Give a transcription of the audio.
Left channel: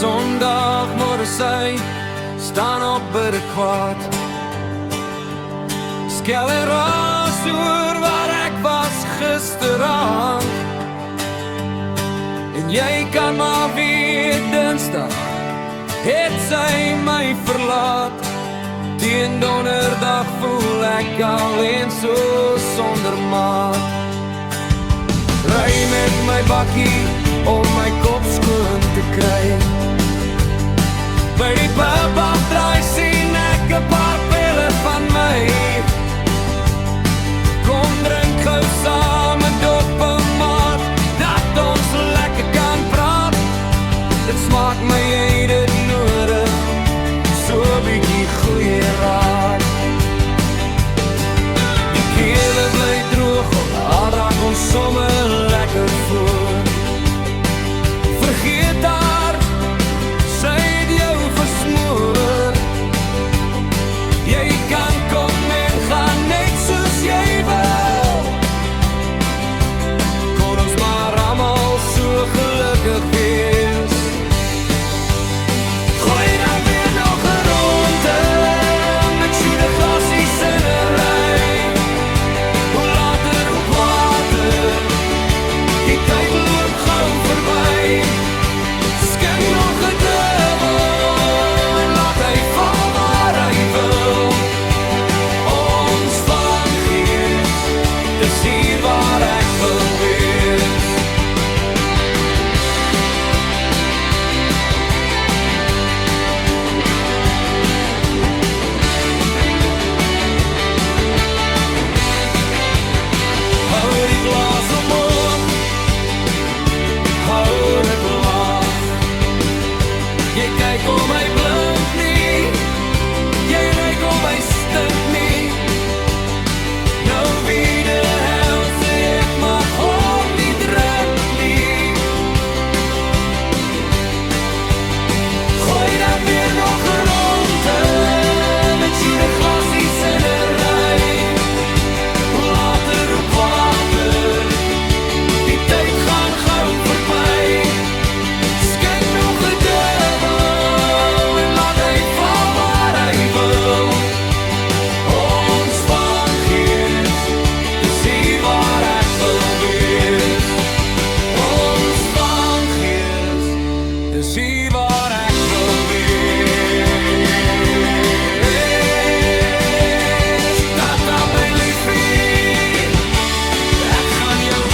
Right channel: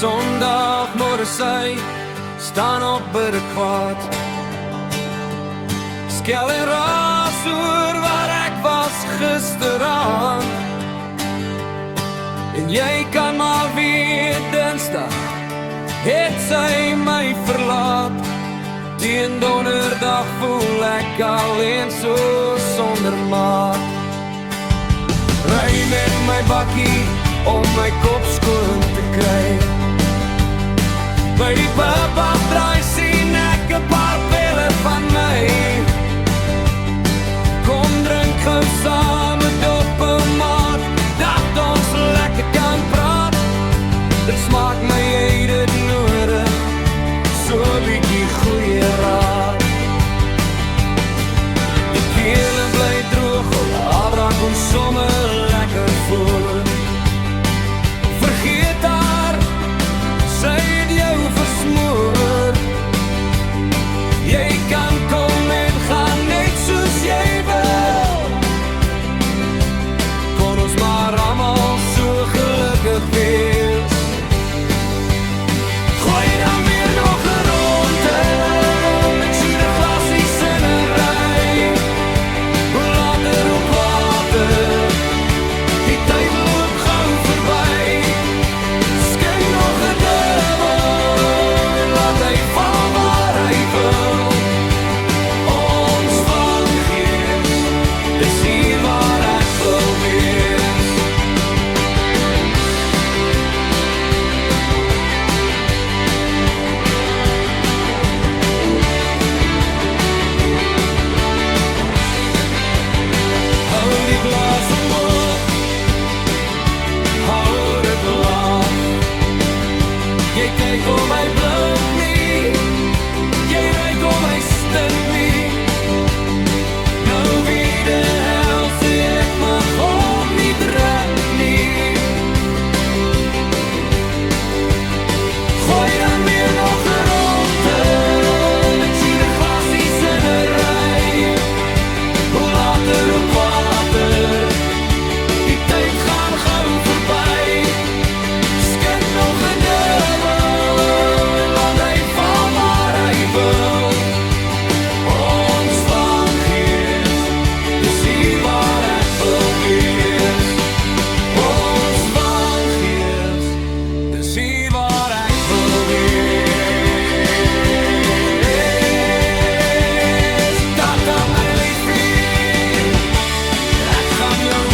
Sondagmorgen sy staan op by die kwaad. Skel en raas oor waar ek was gisteraan. En jy kan maar weet Dinsdag het sy my verlaat. Teen Donderdag voel ek alleen so sonder maat. Ry met my bakkie om my kop skoon te kry. By die pub afdraai sien ek 'n paar pille van my. Kom drink gou saam 'n dop maat, dat ons lekker kan praat. Dit smaak my jy dit nodig, so 'n bietjie goeie raad. Die kele bly droog, al raak ons sommer lekker voor. Vergeet haar, sy het jou versmoor. Jy kan kom en gaan net soos jy wil. Kon ons maar almal so gelukkig wees. Gooi dan weer nog 'n ronde, ek shoot 'n glassies in 'n ry. Hoe later, hoe kwater, die tyd loop gou verby. Skyn nog 'n dubbel en laat hy val waar hy wil. Ons van Gees, dis hier waar ek wil wees. Hou die glas omhoog, hou dit laag. Jy kyk om my blink nie, jy ruik om my stink nie. Nou wie de hel sê ek mag hom nie drink nie. Gooi dan weer nog 'n ronde, ek shoot 'n glassies in 'n ry. Hoe later, hoe kwater, die tyd gaan gou verby. Skink nog 'n dubbel en laat hy val waar hy wil. Ons van Gees, dis hier waar ek wil wees. Ons van Gees, dis hier waar ek wil wees. Tata my liefie, ek gaan jou